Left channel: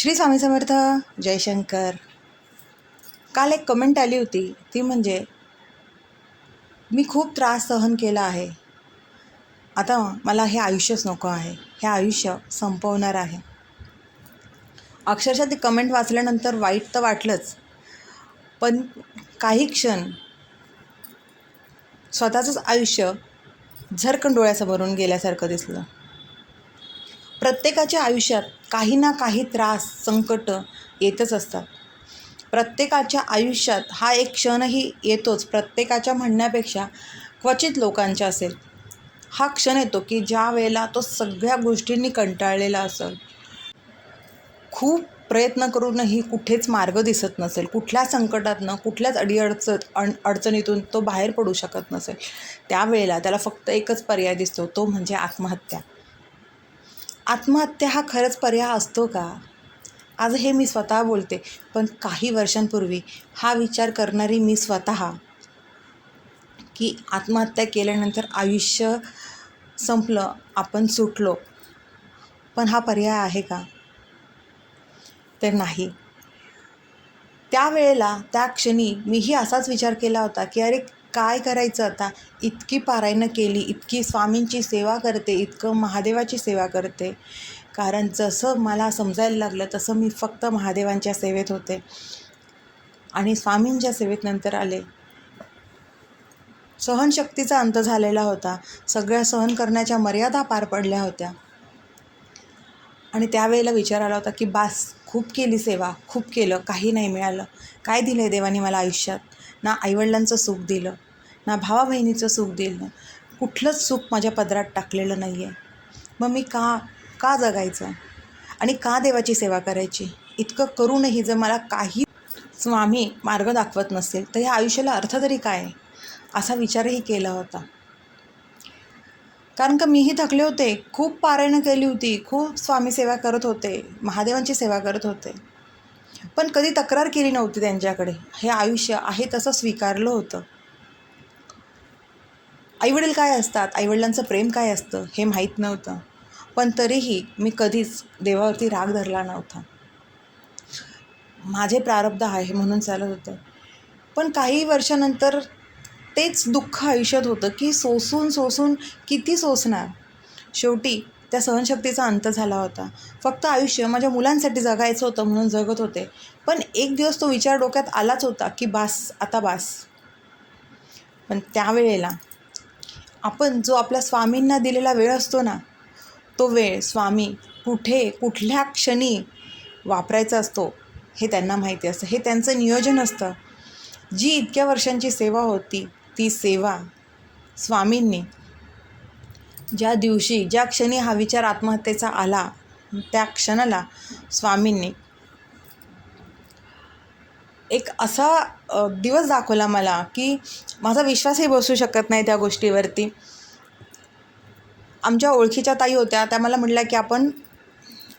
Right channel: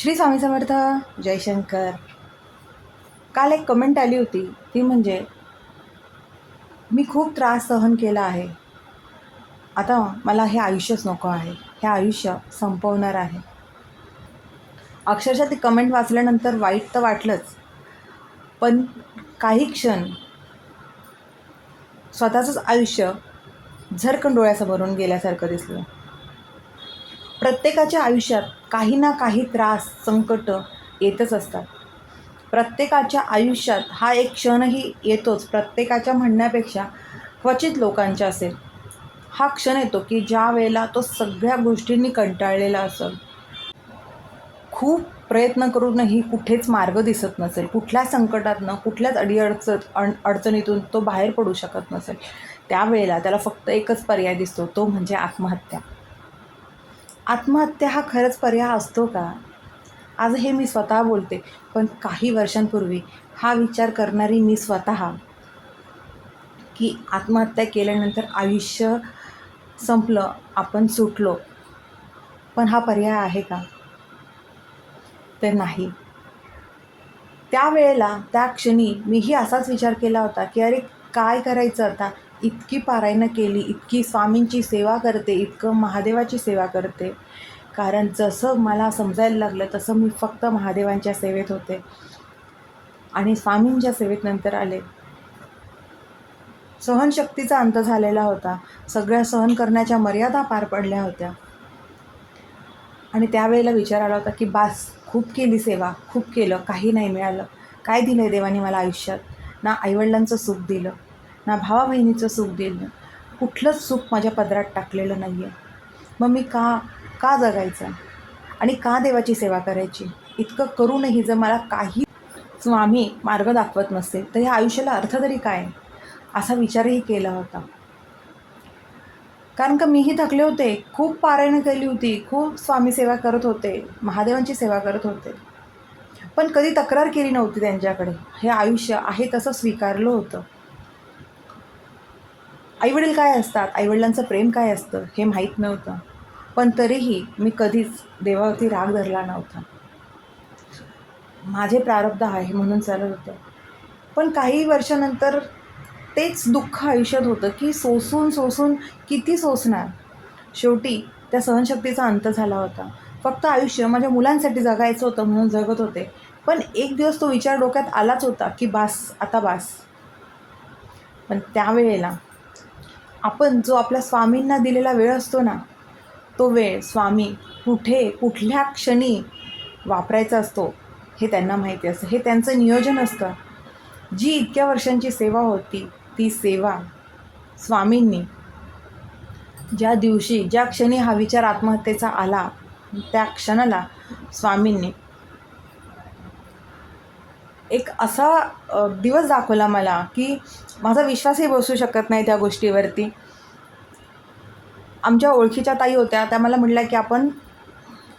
श्री स्वामी समर्थ जयशंकर काल एक कमेंट आली होती. ती म्हणजे मी खूप त्रास सहन केला आहे. आता मला हे आयुष्यच नको आहे. हे आयुष्य संपवणार आहे. अक्षरशः ती कमेंट वाचल्यानंतर वाईट तर वाटलंच. पण काही क्षण स्वतःचंच आयुष्य झरकन डोळ्यासमोरून गेल्यासारखं दिसलं. प्रत्येकाच्या आयुष्यात काही ना काही त्रास संकट येतच असतात. प्रत्येकाच्या आयुष्यात हा एक क्षणही येतोच. प्रत्येकाच्या म्हणण्यापेक्षा क्वचित लोकांच्या असेल. हा क्षण येतो की ज्या वेळेला तो सगळ्या गोष्टींनी कंटाळलेला असेल. खूप प्रयत्न करूनही कुठेच मार्ग दिसत नसेल. कुठल्या संकटातनं कुठल्याच अडीअडच अण अडचणीतून तो बाहेर पडू शकत नसेल. त्यावेळेला त्याला फक्त एकच पर्याय दिसतो. तो म्हणजे आत्महत्या. आत्महत्या हा खरंच पर्याय असतो का? आज हे मी स्वतः बोलते पण काही वर्षांपूर्वी हा विचार करणारी मी स्वतः की आत्महत्या केल्यानंतर आयुष्य संपलं आपण सुटलो पण हा पर्याय आहे का? तर नाही. त्यावेळेला त्या क्षणी मीही असाच विचार केला होता की अरे काय करायचं आता? इतकी पारायणं केली इतकी स्वामींची सेवा करते इतकं महादेवाची सेवा करते. कारण जसं मला समजायला लागलं तसं मी फक्त महादेवांच्या सेवेत होते. आणि स्वामींच्या सेवेत नंतर आले. सहनशक्तीचा अंत झालेला होता. सगळ्या सहन करण्याच्या मर्यादा पार पडल्या होत्या. आणि त्यावेळेला विचार आला होता की बास खूप केली सेवा खूप केलं काही नाही मिळालं. काय दिलं आहे देवानी मला आयुष्यात? ना आईवडिलांचं सुख दिलं ना भावा बहिणीचं सुख दिलं कुठलंच सुख माझ्या पदरात टाकलेलं नाही आहे मग मी का का जगायचं? आणि का देवाची सेवा करायची? इतकं करूनही जर मला काही स्वामी मार्ग दाखवत नसेल तर ह्या आयुष्याला अर्थ तरी काय? असा विचारही केला होता. कारण का मीही थकले होते खूप पारायणं केली होती खूप स्वामी सेवा करत होते महादेवांची सेवा करत होते. पण कधी तक्रार केली नव्हती त्यांच्याकडे. हे आयुष्य आहे तसं स्वीकारलं होतं. आईवडील काय असतात? आईवडिलांचं प्रेम काय असतं? हे माहीत नव्हतं. पण तरीही मी कधीच देवावरती राग धरला नव्हता. माझे प्रारब्ध आहे म्हणून चालत होतं. पण काही वर्षानंतर तेच दुःख आयुष्यात होतं की सोसून सोसून किती सोसणार? शेवटी त्या सहनशक्तीचा अंत झाला होता. फक्त आयुष्य माझ्या मुलांसाठी जगायचं होतं म्हणून जगत होते. पण एक दिवस तो विचार डोक्यात आलाच होता की बास आता बास. पण त्यावेळेला आपण जो आपल्या स्वामींना दिलेला वेळ असतो ना तो वेळ स्वामी कुठे कुठल्या क्षणी वापरायचा असतो हे त्यांना माहिती असतं. हे त्यांचं नियोजन असतं. जी इतक्या वर्षांची सेवा होती ती सेवा स्वामींनी ज्या दिवशी ज्या क्षणी हा विचार आत्महत्येचा आला त्या क्षणाला स्वामींनी एक असा दिवस दाखवला मला की माझा विश्वासही बसू शकत नाही त्या गोष्टीवरती. आमच्या ओळखीच्या ताई होत्या त्या मला म्हटल्या की आपण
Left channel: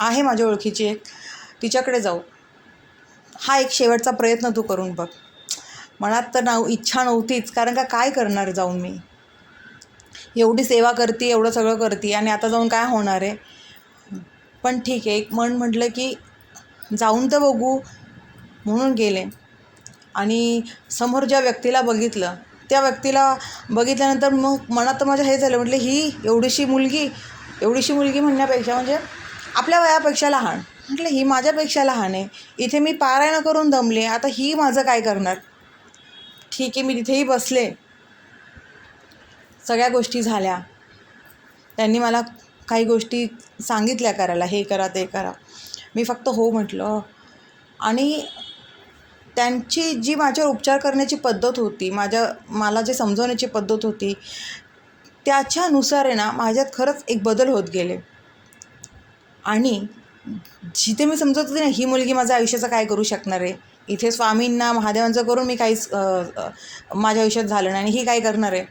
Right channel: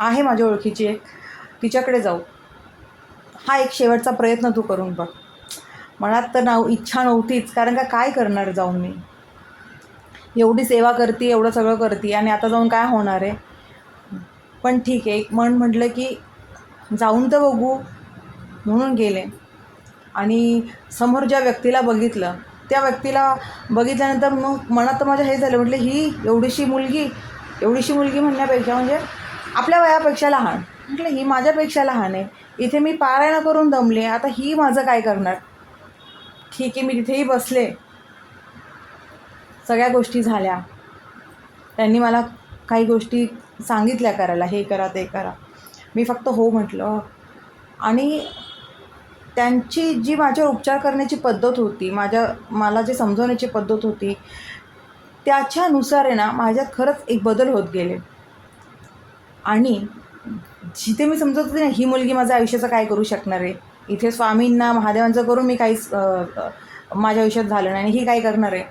आहे माझ्या ओळखीची एक तिच्याकडे जाऊ. हा एक शेवटचा प्रयत्न तू करून बघ. मनात तर नाव इच्छा नव्हतीच कारण का काय करणार जाऊन मी? एवढी सेवा करते एवढं सगळं करते आणि आता जाऊन काय होणार आहे? पण ठीक आहे एक मन म्हटलं की जाऊन तर बघू म्हणून गेले. आणि समोर ज्या व्यक्तीला बघितलं त्या व्यक्तीला बघितल्यानंतर मग मनात तर माझ्या हे झालं म्हटलं ही एवढीशी मुलगी एवढीशी मुलगी म्हणण्यापेक्षा म्हणजे आपल्या वयापेक्षा लहान. म्हटलं ही माझ्यापेक्षा लहान आहे. इथे मी पारायण करून दमले आता ही माझं काय करणार? ठीक आहे मी तिथेही बसले. सगळ्या गोष्टी झाल्या. त्यांनी मला काही गोष्टी सांगितल्या करायला हे करा ते करा. मी फक्त हो म्हटलं. आणि त्यांची जी माझ्यावर उपचार करण्याची पद्धत होती माझ्या मला जे समजवण्याची पद्धत होती त्याच्यानुसार आहे ना माझ्यात खरंच एक बदल होत गेले. आणि जिथे मी समजत होते ना ही मुलगी माझ्या आयुष्याचं काय करू शकणार आहे? इथे स्वामींना महादेवांचं करून मी काहीच माझ्या आयुष्यात झालं नाही आणि ही काय करणार आहे?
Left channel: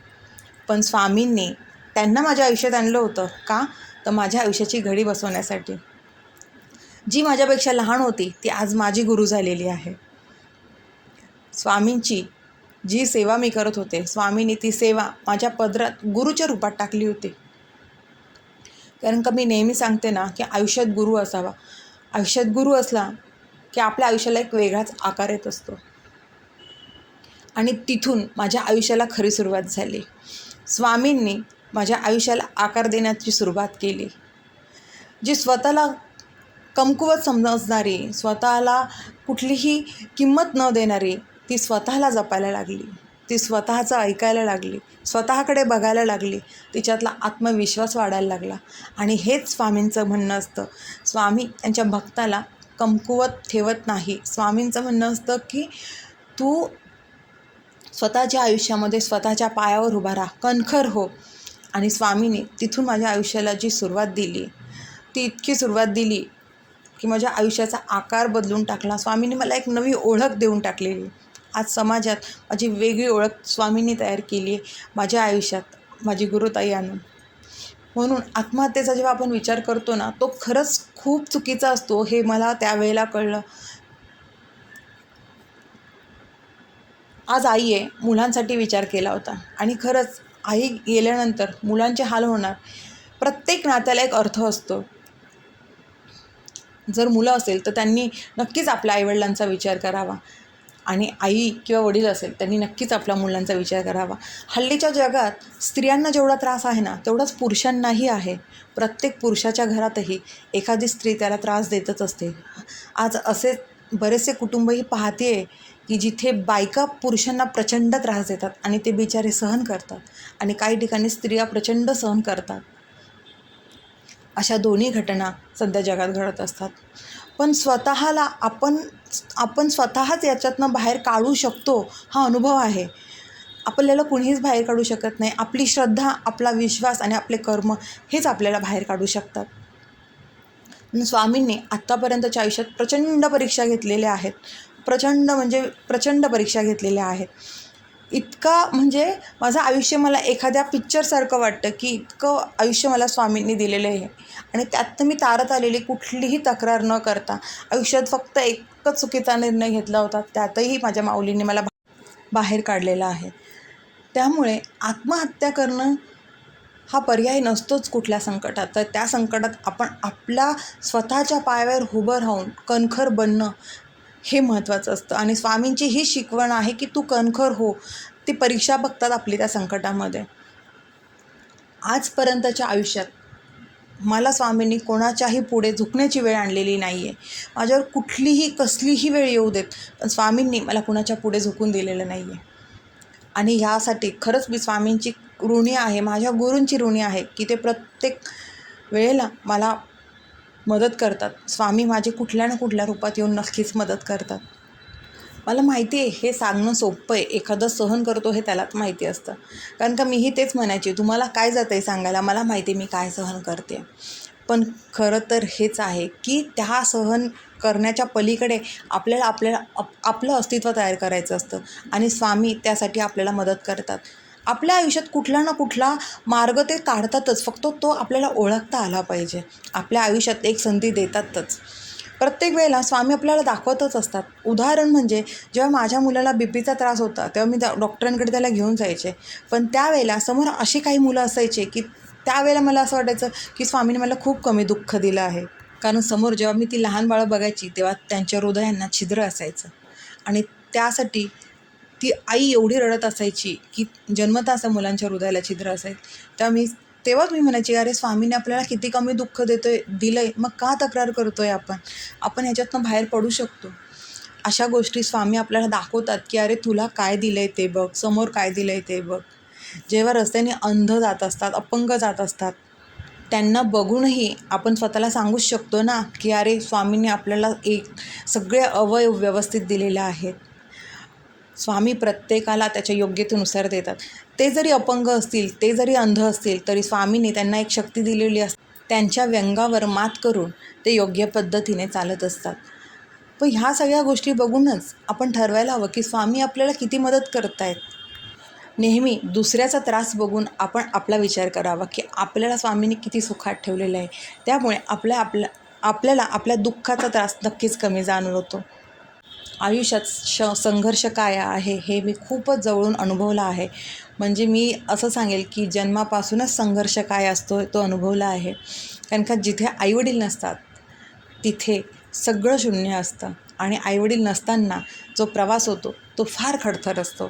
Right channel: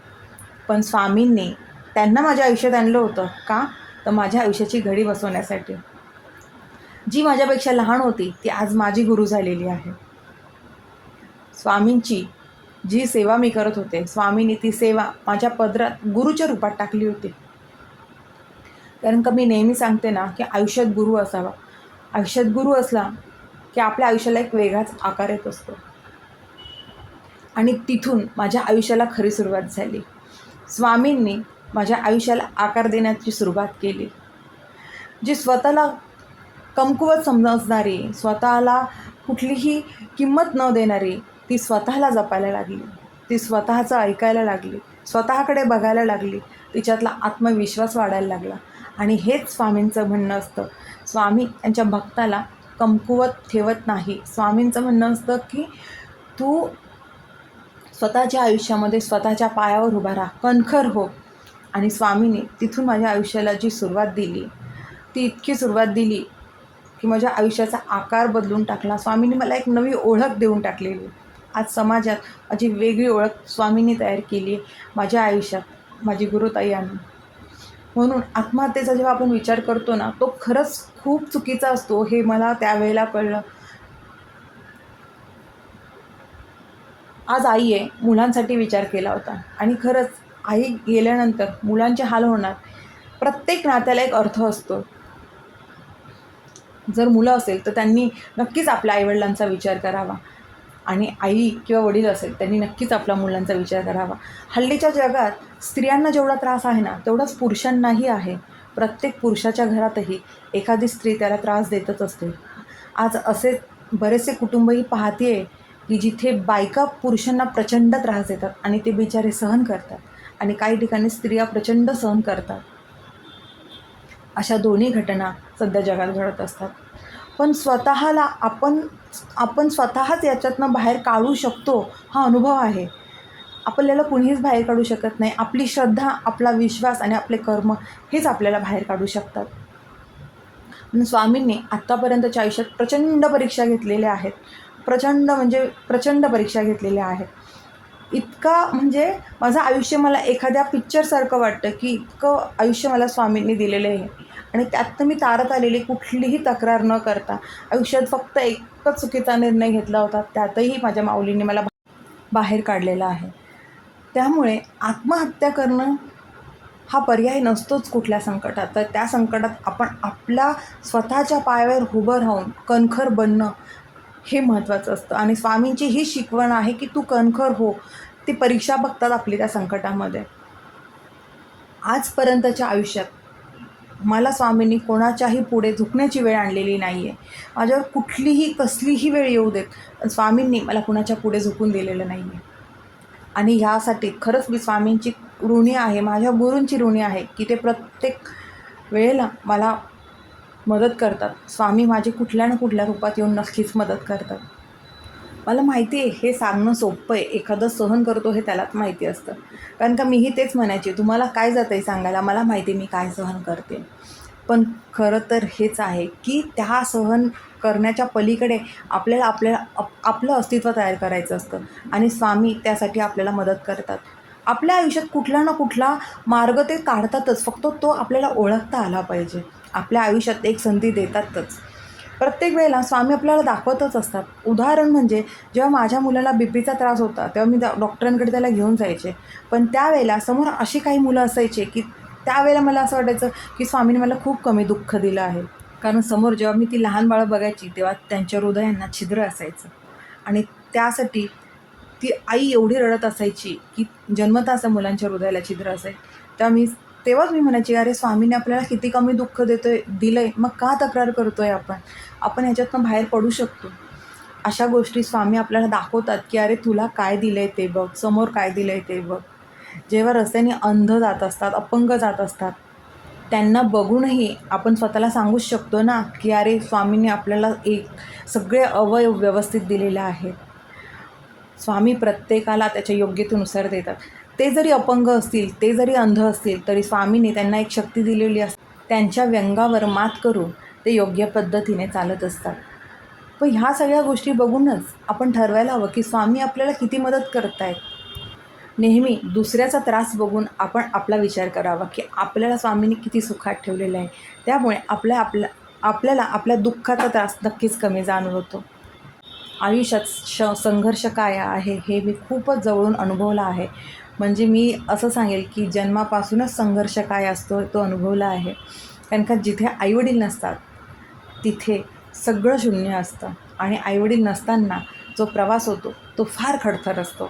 पण स्वामींनी त्यांना माझ्या आयुष्यात आणलं होतं का? तर माझ्या आयुष्याची घडी बसवण्यासाठी. जी माझ्यापेक्षा लहान होती ती आज माझी गुरु झालेली आहे. स्वामींची जी सेवा मी करत होते स्वामींनी ती सेवा माझ्या पदरात गुरुच्या रूपात टाकली होती. कारण का मी नेहमी सांगते ना की आयुष्यात गुरु असावा. आयुष्यात गुरु असला की आपल्या आयुष्याला एक वेगळाच आकार येत असतो. आणि तिथून माझ्या आयुष्याला खरी सुरुवात झाली. स्वामींनी माझ्या आयुष्याला आकार देण्याची सुरुवात केली. जी स्वतःला कमकुवत समजणारी स्वतःला कुठलीही किंमत न देणारी ती स्वतःला जपायला लागली. ती स्वतःचं ऐकायला लागली स्वतःकडे बघायला लागली तिच्यातला आत्मविश्वास वाढायला लागला. आणि हेच स्वामींचं म्हणणं असतं. स्वामी त्यांच्या भक्ताला कमकुवत ठेवत नाही. स्वामींचं म्हणणं असतं की तू स्वतःच्या आयुष्यामध्ये स्वतःच्या पायावर उभा राहा. कणखर हो. आणि स्वामीने तिथून माझ्या आयुष्याला जी सुरुवात दिली ती इतकी सुरुवात दिली की माझ्या आयुष्याचा आकार बदलून टाकला. स्वामीने मला एक नवी ओळख देऊन टाकलेली. आज समाजात माझी वेगळी ओळख स्वामींनी तयार केली आहे माझ्या आयुष्यात माझी गुरुताई आणून म्हणून आत्महत्येचा जेव्हा आपण विचार करतो ना तो खरंच खूप चुकीचा असतो हे मला त्यावेळेला कळलं. आज आई आहे मुलांसाठी विचार केला होता. आणि खरंच आई गेल्यानंतर मुलांचे हाल होणार. प्रत्येक नात्याला एक अर्थ असतो. जर मुलं असेल तर त्यांनी नक्कीच आपल्या आईवडिलांचा विचार करावा. आणि आई किंवा वडील असेल त्यांनी नक्कीच आपल्या मुलांचा विचार करावा. हल्लीच्या जगात स्त्रियांना जेवढा त्रास आहे ना तेवढाच पुरुषांनाही आहे. प्रत्येक पुरुषाच्या घरातही एखादी स्त्री त्याला त्रास देतच असते. आज असे बरेचसे कुटुंबही पाहते की जिथे बायका पुरुषांना प्रचंड त्रास देतात आणि ते बिचारे सहन करतात आणि काही ठिकाणी स्त्रिया प्रचंड सहन करतात. अशा दोन्ही घटना सध्या जगात घडत असतात. पण स्वतःला आपण आपण स्वतःच याच्यातनं बाहेर काढू शकतो हा अनुभव आहे. आपल्याला कुणीच बाहेर काढू शकत नाही. आपली श्रद्धा आपला विश्वास आणि आपले कर्म हेच आपल्याला बाहेर काढू शकतात. म्हणून स्वामींनी आत्तापर्यंतच्या आयुष्यात प्रचंड परीक्षा घेतलेल्या आहेत. प्रचंड म्हणजे प्रचंड परीक्षा घेतलेल्या आहेत. इतका म्हणजे माझं आयुष्य मला एखाद्या पिक्चरसारखं वाटतं की इतकं आयुष्य मला स्वामींनी दिलेलं आहे. आणि त्यात मी तारत आलेली कुठलीही तक्रार न करता आयुष्यात फक्त एकच चुकीचा निर्णय घेतला होता त्यातही माझ्या माऊलींनी मला बाहेर काढलेला आहे. त्यामुळे आत्महत्या करणं हा पर्याय नसतोच कुठल्या संकटात. तर त्या संकटात आपण आपल्या स्वतःच्या पायावर उभं राहून कणखर बनणं हे महत्त्वाचं असतं. आणि स्वामींची ही शिकवण आहे की तू कणखर हो ती परीक्षा बघतात आपली त्या संकटामध्ये. आजपर्यंतच्या आयुष्यात मला स्वामींनी कोणाच्याही पुढे झुकण्याची वेळ आणलेली नाही आहे माझ्यावर कुठलीही कसलीही वेळ येऊ देत पण स्वामींनी मला कुणाच्या पुढे झुकून दिलेलं नाही आहे आणि ह्यासाठी खरंच मी स्वामींची ऋणी आहे माझ्या गुरूंची ऋणी आहे की ते प्रत्येक वेळेला मला मदत करतात. स्वामी माझे कुठल्या ना कुठल्या रूपात येऊन नक्कीच मदत करतात. मला माहिती आहे हे सांगणं सोपं आहे. एखादं सहन करतो हे त्यालाच माहिती असतं. कारण का मीही तेच म्हणायचे तुम्हाला काय जातं आहे सांगायला? मला माहिती आहे मी काय सहन करते. पण खरं तर हेच आहे की त्या सहन करण्याच्या पलीकडे आपल्याला आपल्या आप आपलं अस्तित्व तयार करायचं असतं. आणि स्वामी त्यासाठी आपल्याला मदत करतात. आपल्या आयुष्यात कुठला ना कुठला मार्ग ते काढतातच. फक्त तो आपल्याला ओळखता आला पाहिजे. आपल्या आयुष्यात एक संधी देतातच. प्रत्येक वेळेला स्वामी आपल्याला दाखवतच असतात. उदाहरण म्हणजे जेव्हा माझ्या मुलाला बी पीचा त्रास होता तेव्हा मी डॉक्टरांकडे त्याला घेऊन जायचे. पण त्यावेळेला समोर अशी काही मुलं असायचे की त्यावेळेला मला असं वाटायचं की स्वामीने मला खूप कमी दुःख दिलं आहे. कारण समोर जेव्हा मी ती लहान बाळं बघायची तेव्हा त्यांच्या हृदयांना छिद्र असायचं. आणि त्यासाठी ती आई एवढी रडत असायची की जन्मता असं मुलांच्या हृदयाला छिद्र असाय तर मी तेव्हाच मी म्हणायची अरे स्वामीने आपल्याला किती कमी दुःख देतोय दिलंय. मग का तक्रार करतोय आपण? आपण ह्याच्यातनं बाहेर पडू शकतो. अशा गोष्टी स्वामी आपल्याला दाखवतात की अरे तुला काय दिलंय ते बघ. समोर काय दिलंय ते बघ. जेव्हा रस्त्याने अंध जात असतात अपंग जात असतात त्यांना बघूनही आपण स्वतःला सांगूच शकतो ना की अरे स्वामींनी आपल्याला एक सगळे अवयव व्यवस्थित दिलेले आहेत. स्वामी प्रत्येकाला त्याच्या योग्यतेनुसार देतात. ते जरी अपंग असतील ते जरी अंध असतील तरी स्वामीने त्यांना एक शक्ती दिलेली असते त्यांच्या व्यंगावर मात करून ते योग्य पद्धतीने चालत असतात. पण ह्या सगळ्या गोष्टी बघूनच आपण ठरवायला हवं की स्वामी आपल्याला किती मदत करतायत. नेहमी दुसऱ्याचा त्रास बघून आपण आपला विचार करावा की आपल्याला स्वामीने किती सुखात ठेवलेलं आहे. त्यामुळे आपल्या आपल्या आपल्याला आपल्या दुःखाचा त्रास नक्कीच कमी जाणवतो. आयुष्यात श संघर्ष काय आहे हे मी खूपच जवळून अनुभवला आहे. म्हणजे मी असं सांगेल की जन्मापासूनच संघर्ष काय असतो तो अनुभवला आहे. कारण का जिथे आईवडील नसतात तिथे सगळं शून्य असतं. आणि आईवडील नसताना जो प्रवास होतो तो फार खडतर असतो.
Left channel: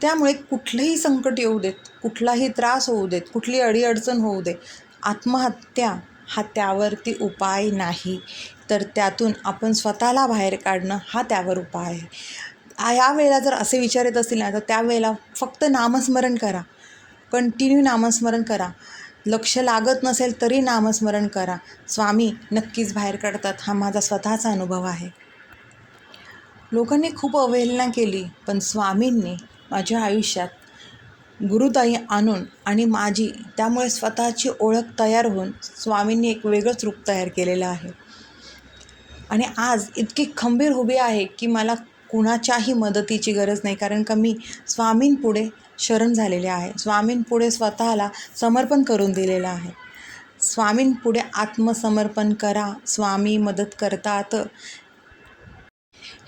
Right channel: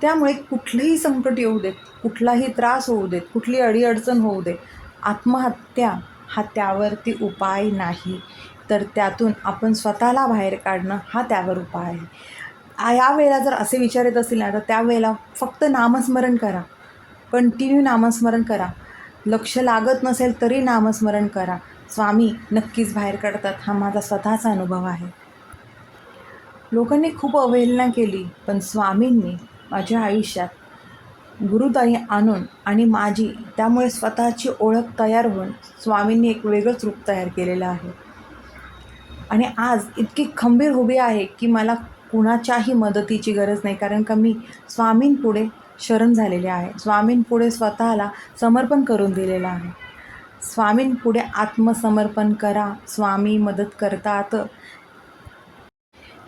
त्यामुळे कुठलंही संकट येऊ देत कुठलाही त्रास होऊ देत कुठली अडीअडचण होऊ दे आत्महत्या हा त्यावरती उपाय नाही. तर त्यातून आपण स्वतःला बाहेर काढणं हा त्यावर उपाय आहे. यावेळेला जर असे विचार येत असतील ना तर त्यावेळेला फक्त नामस्मरण करा. कंटिन्यू नामस्मरण करा. लक्ष लागत नसेल तरी नामस्मरण करा. स्वामी नक्कीच बाहेर काढतात. हा माझा स्वतःचा अनुभव आहे. लोकांनी खूप अवहेलना केली पण स्वामींनी माझ्या आयुष्यात गुरुदाई आणून आणि माझी त्यामुळे स्वतःची ओळख तयार होऊन स्वामींनी एक वेगळंच रूप तयार केलेलं आहे. आणि आज इतकी खंबीर उभी आहे की मला कुणाच्याही मदतीची गरज नाही कारण का मी स्वामींपुढे शरण झालेले आहे. स्वामींपुढे स्वतःला समर्पण करून दिलेलं आहे. स्वामींपुढे आत्मसमर्पण करा स्वामी मदत करतात.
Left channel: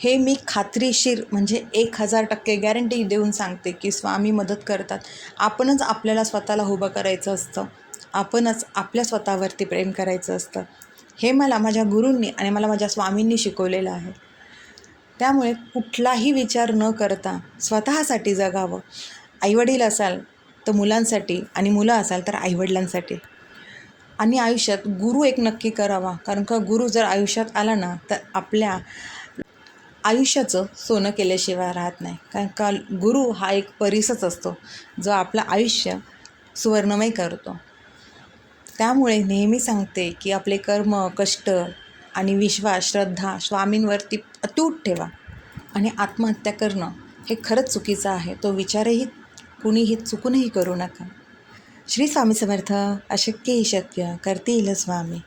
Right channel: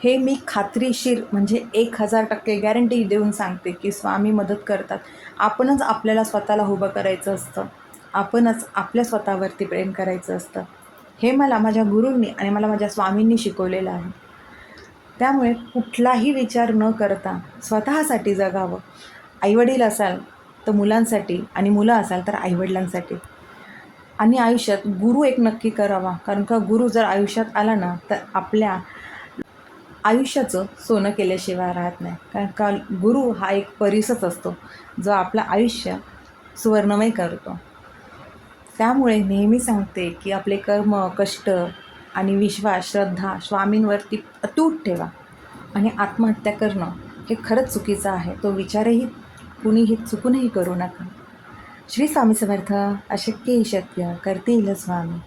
हे मी खात्रीशीर म्हणजे एक हजार टक्के गॅरंटी देऊन सांगते की स्वामी मदत करतात. आपणच आपल्याला स्वतःला उभं करायचं असतं. आपणच आपल्या स्वतःवरती प्रेम करायचं असतं. हे मला माझ्या गुरूंनी आणि मला माझ्या स्वामींनी शिकवलेलं आहे. त्यामुळे कुठलाही विचार न करता स्वतःसाठी जगावं. आईवडील असाल तर मुलांसाठी आणि मुलं असाल तर आईवडिलांसाठी. आणि आयुष्यात गुरु एक नक्की करावा. कारण का गुरु जर आयुष्यात आला ना तर आपल्या आयुष्याचं सोनं केल्याशिवाय राहत नाही. कारण का गुरु हा एक परिसच असतो जो आपलं आयुष्य सुवर्णमय करतो. त्यामुळे नेहमी सांगते की आपले कर्म कष्ट आणि विश्वास श्रद्धा स्वामींवरती अतूट ठेवा आणि आत्महत्या करणं हे खरंच चुकीचं आहे. तो विचारही कुणीही चुकूनही करू नका. श्री स्वामी समर्थ अशक्यही शक्य. करतील स्वामी.